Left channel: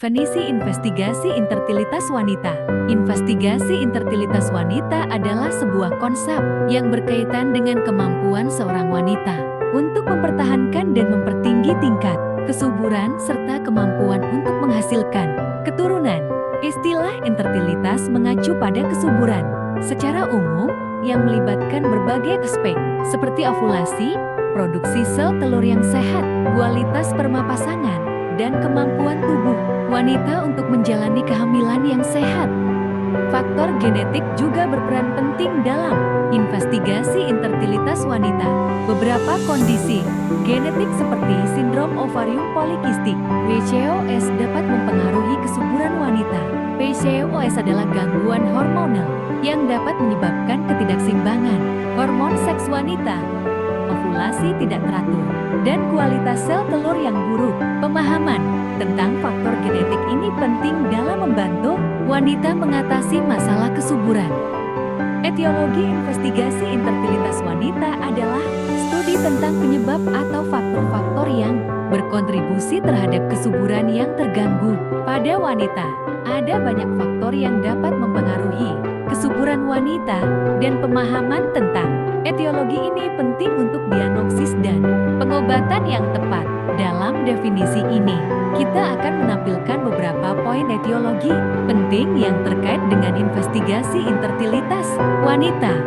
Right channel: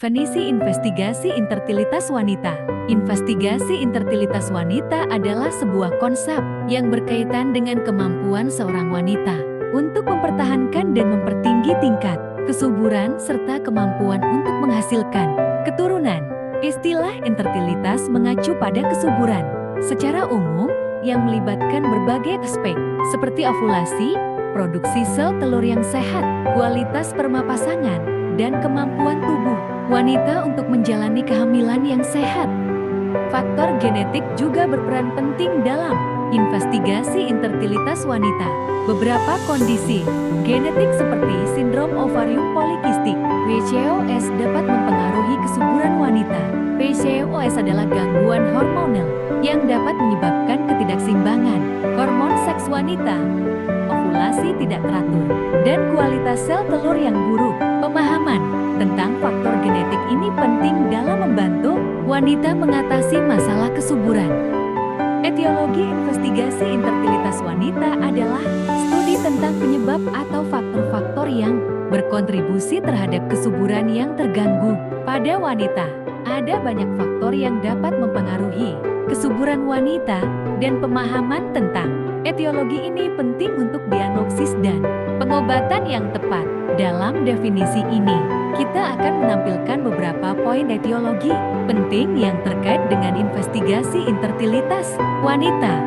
Definisi investigasi infertilitas wanita. Investigasi infertilitas wanita adalah sebuah konsep yang berkaitan dengan kemampuan seorang wanita untuk mempertahankan dan mempertinggi tingkat kesuburan serta kemampuan untuk menghasilkan keturunan. Istilah infertilitas mengacu pada kesuburan secara umum yang melibatkan berbagai aspek seperti ovulasi, produksi sel telur yang sehat, kualitas sperma pasangan, dan kemampuan tubuh wanita untuk menjalani kehamilan yang sehat. Faktor genetik juga berperan penting dalam investigasi infertilitas wanita. Beberapa kondisi genetik seperti sindrom ovarium polikistik (PCOS) dapat mempengaruhi kesuburan wanita. PCOS adalah gangguan hormonal yang dapat menyebabkan ketidakseimbangan hormon seks wanita, ovulasi tidak teratur, dan kualitas sel telur yang buruk. Pemahaman tentang faktor genetik ini penting dalam membantu wanita mengatasi masalah kesuburan. Etiologi investigasi infertilitas wanita adalah studi tentang penyebab atau faktor-faktor yang berkontribusi terhadap kesuburan yang terganggu pada wanita. Ada banyak faktor yang dapat mempengaruhi kesuburan wanita, dan pemahaman tentang etiologi ini penting untuk diagnosis dan pengobatan yang tepat. Dalam definisi ini, kita akan menampilkan beberapa poin etiologi penting yang terkait dengan investigasi infertilitas wanita.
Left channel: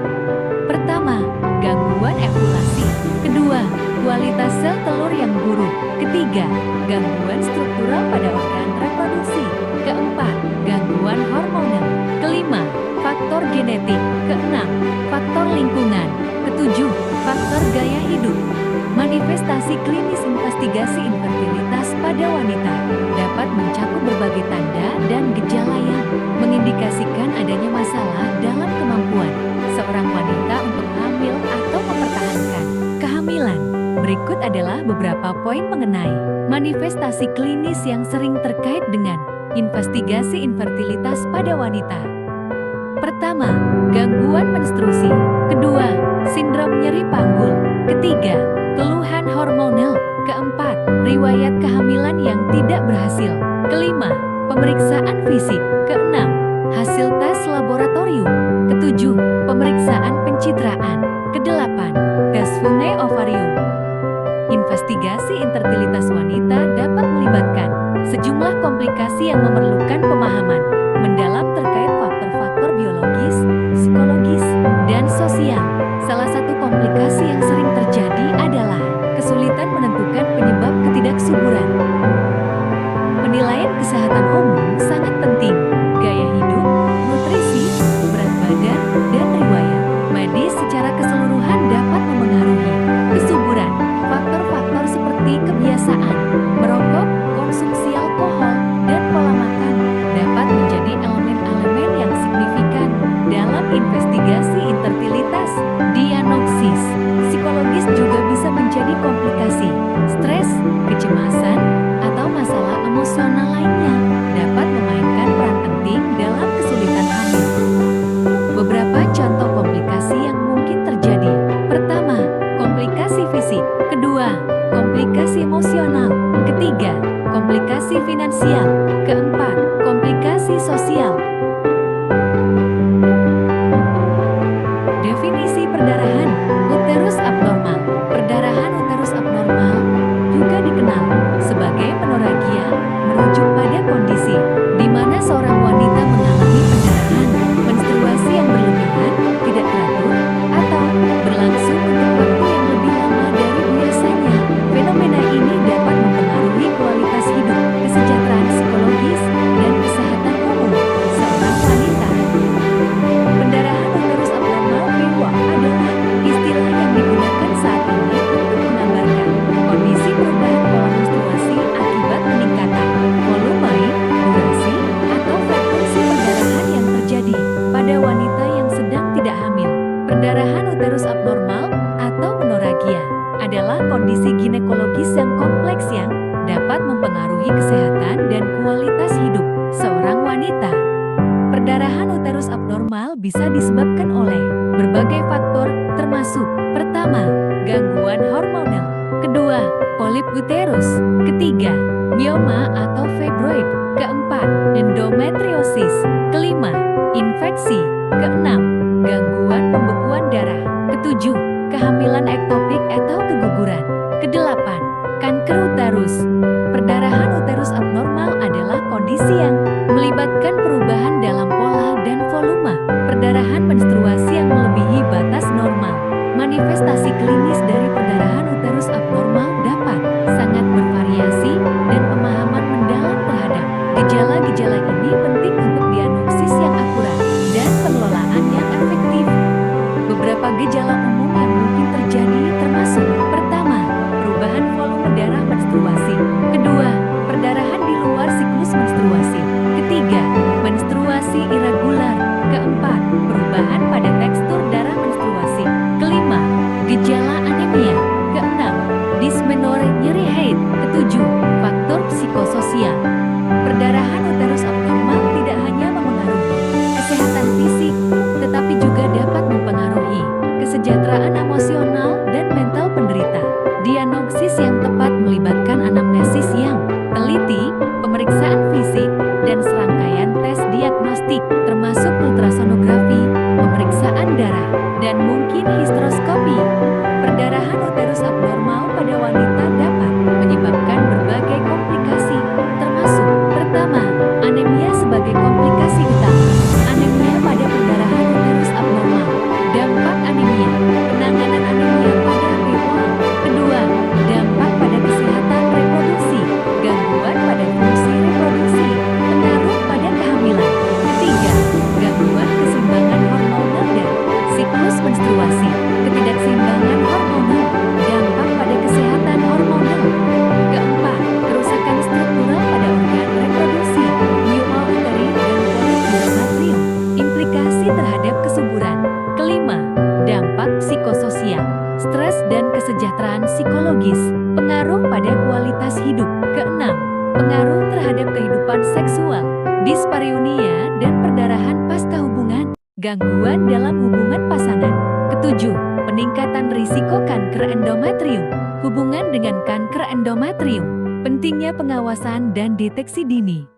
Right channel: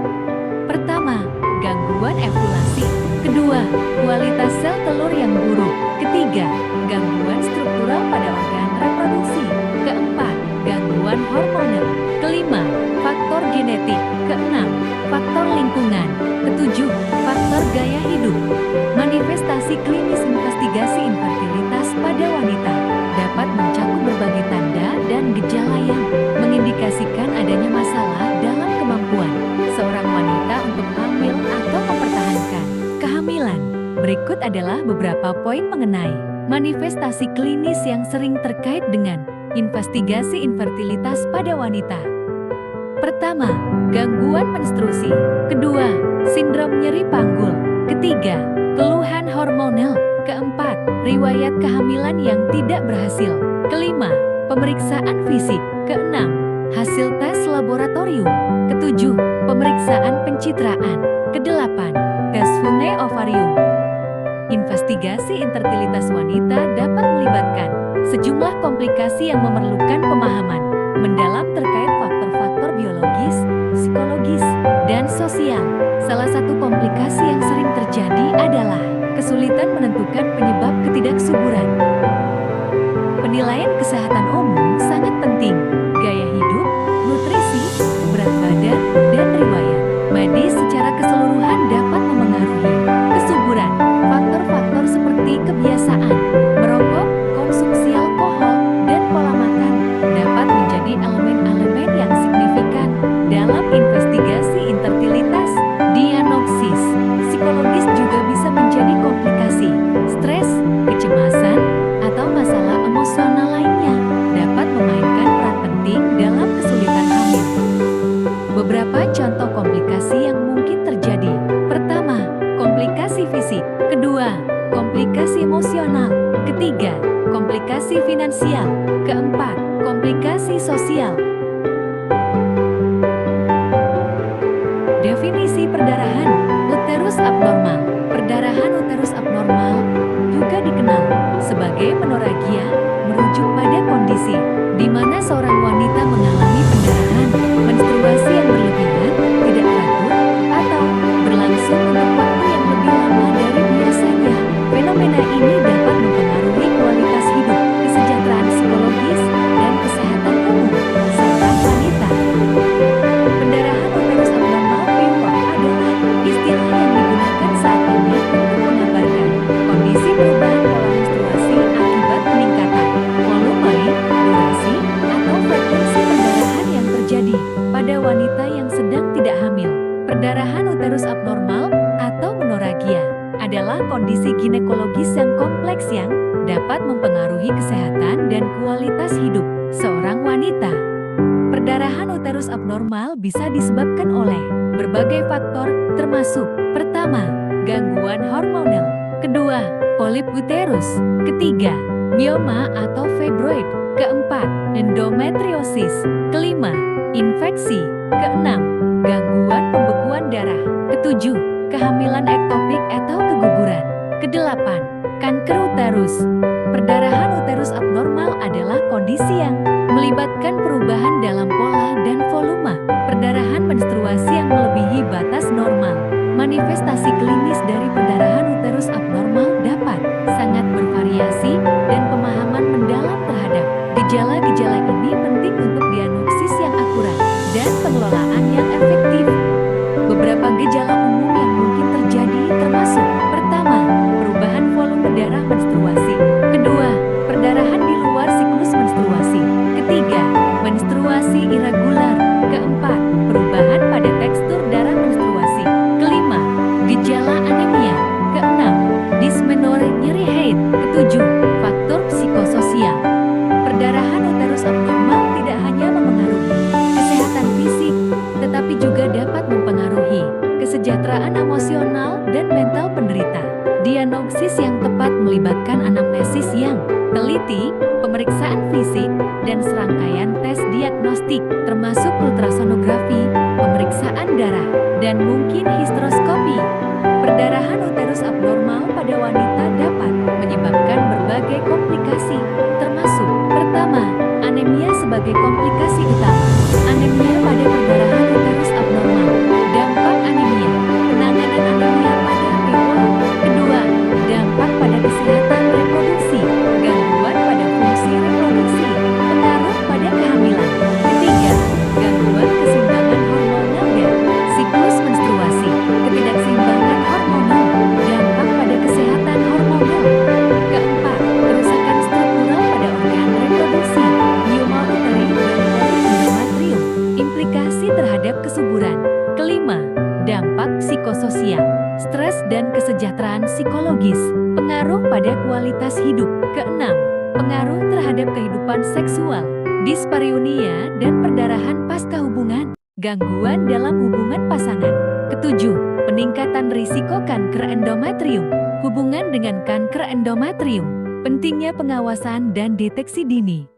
Pertama, gangguan ovulasi. Kedua, kualitas sel telur yang buruk. Ketiga, gangguan struktural pada organ reproduksi. Keempat, gangguan hormonal. Kelima, faktor genetik. Keenam, faktor lingkungan. Ketujuh, faktor gaya hidup. Manifestasi klinis investigasi infertilitas pada wanita dapat mencakup berbagai tanda dan gejala yang mengindikasikan adanya masalah dalam kemampuan seorang wanita untuk hamil atau mempertahankan kehamilan. Berikut adalah beberapa poin mengenai manifestasi klinis yang sering terkait dengan investigasi infertilitas pada wanita. Pertama, gangguan menstruasi. Kedua, sindrom nyeri panggul. Ketiga, keluhan hormonal. Keempat, riwayat kehamilan yang tidak berhasil. Kelima, pemeriksaan fisik. Keenam, hasil tes laboratorium. Ketujuh, pemeriksaan pencitraan. Kedelapan, tes fungi ovarium. Investigasi infertilitas wanita dapat melibatkan sejumlah komplikasi yang memerlukan pemahaman mendalam terkait faktor-faktor biologis, psikologis, dan sosial. Salah satu komplikasi yang sering terjadi adalah kesulitan menentukan penyebab ketidaksuburan. Penilaian kesehatan umum sangat penting. Gaya hidup, nutrisi, berat badan, dan riwayat medis secara keseluruhan dapat memengaruhi kesuburan. Faktor-faktor seperti kebiasaan merokok, konsumsi alkohol, dan pola makan dapat menjadi elemen-elemen yang signifikan dalam investigasi infertilitas. Diagnosis psikologis juga bisa menjadi komplikasi. Stres, kecemasan, atau masalah emosional lainnya dapat memainkan peran penting dalam kesulitan hamil. Beberapa contoh komplikasi yang mungkin terjadi. Pertama, komplikasi fisik. Kedua, komplikasi emosional. Ketiga, komplikasi finansial. Keempat, komplikasi sosial. Definisi perdarahan uterus abnormal. Perdarahan uterus abnormal juga dikenal sebagai menorragia, merujuk pada kondisi di mana seorang wanita mengalami pendarahan menstruasi yang berlebihan, tidak teratur, atau berlangsung untuk waktu yang lebih lama dari biasanya. Fenomena ini dapat mempengaruhi kualitas hidup, kesejahteraan psikologis, dan kesehatan umum seorang wanita. Pendarahan uterus abnormal (PUA) adalah istilah yang digunakan saat ini untuk menggambarkan kondisi perubahan pola menstruasi akibat peningkatan volume, durasi, atau frekuensi perdarahan yang terjadi pada wanita yang sedang tidak hamil. Perdarahan uterus abnormal atau menorragia adalah kondisi ginekologis yang kompleks yang dapat mempengaruhi kesehatan dan kualitas hidup seorang wanita. Perdarahan uterus abnormal bisa disebabkan oleh berbagai faktor, termasuk: pertama, gangguan hormonal. Kedua, polip uterus. Ketiga, mioma atau fibroid. Keempat, endometriosis. Kelima, infeksi. Keenam, gangguan pembekuan darah. Ketujuh, kehamilan ektopik atau keguguran. Kedelapan, kanker uterus. Perdarahan uterus abnormal adalah kondisi yang melibatkan perubahan dalam pola dan volume perdarahan menstruasi yang melebihi batas normal. Manifestasi klinis dari perdarahan uterus abnormal dapat sangat bervariasi dan pemahaman mendalam terhadap gejala-gejala ini penting untuk diagnosis yang akurat dan pengelolaan yang efektif. Beberapa gejala umum yang mungkin terjadi termasuk: pertama, perubahan volume darah menstruasi. Kedua, perdarahan di luar siklus menstruasi. Ketiga, menstruasi irregular. Keempat, perubahan pada tekstur darah menstruasi. Kelima, gejala anemia. Keenam, dysmenorrhea, nyeri haid. Ketujuh, faktor psikososial. Perdarahan uterus abnormal tidak hanya memengaruhi kesehatan fisik, tetapi juga dapat mempengaruhi kesejahteraan emosional dan mental penderita. Diagnosis yang tepat melibatkan anamnesis yang teliti, pemeriksaan fisik, dan serangkaian tes diagnostik, termasuk ultrasonografi, pemeriksaan darah, dan mungkin histeroskopi. Perdarahan uterus abnormal pada wanita dapat menyebabkan berbagai komplikasi, termasuk: pertama, anemia sebagai komplikasi utama. Anemia pada perdarahan uterus abnormal. Dampak anemia, penanganan anemia pada PWA. Kedua, dampak pada kesehatan reproduksi, gangguan pada fungsi reproduksi, pengaruh pada kehamilan. Ketiga, gangguan keseimbangan hormonal dan siklus menstruasi, ketidakseimbangan hormonal, dampak pada kesehatan hormonal. Keempat, kerusakan struktural pada organ reproduksi, mioma uteri dan polip endometrium, implikasi terhadap kesuburan. Kelima, dampak psikososial, stres dan kesejahteraan psikologis, pengaruh pada kualitas hidup. Keenam, pengaruh terhadap kehidupan seksual, dispareunia dan perdarahan pasca hubungan, gangguan dalam hubungan pasangan. Ketujuh, peningkatan risiko kanker endometrium. Hubungan dengan kanker endometrium, pentingnya pengawasan dan deteksi dini.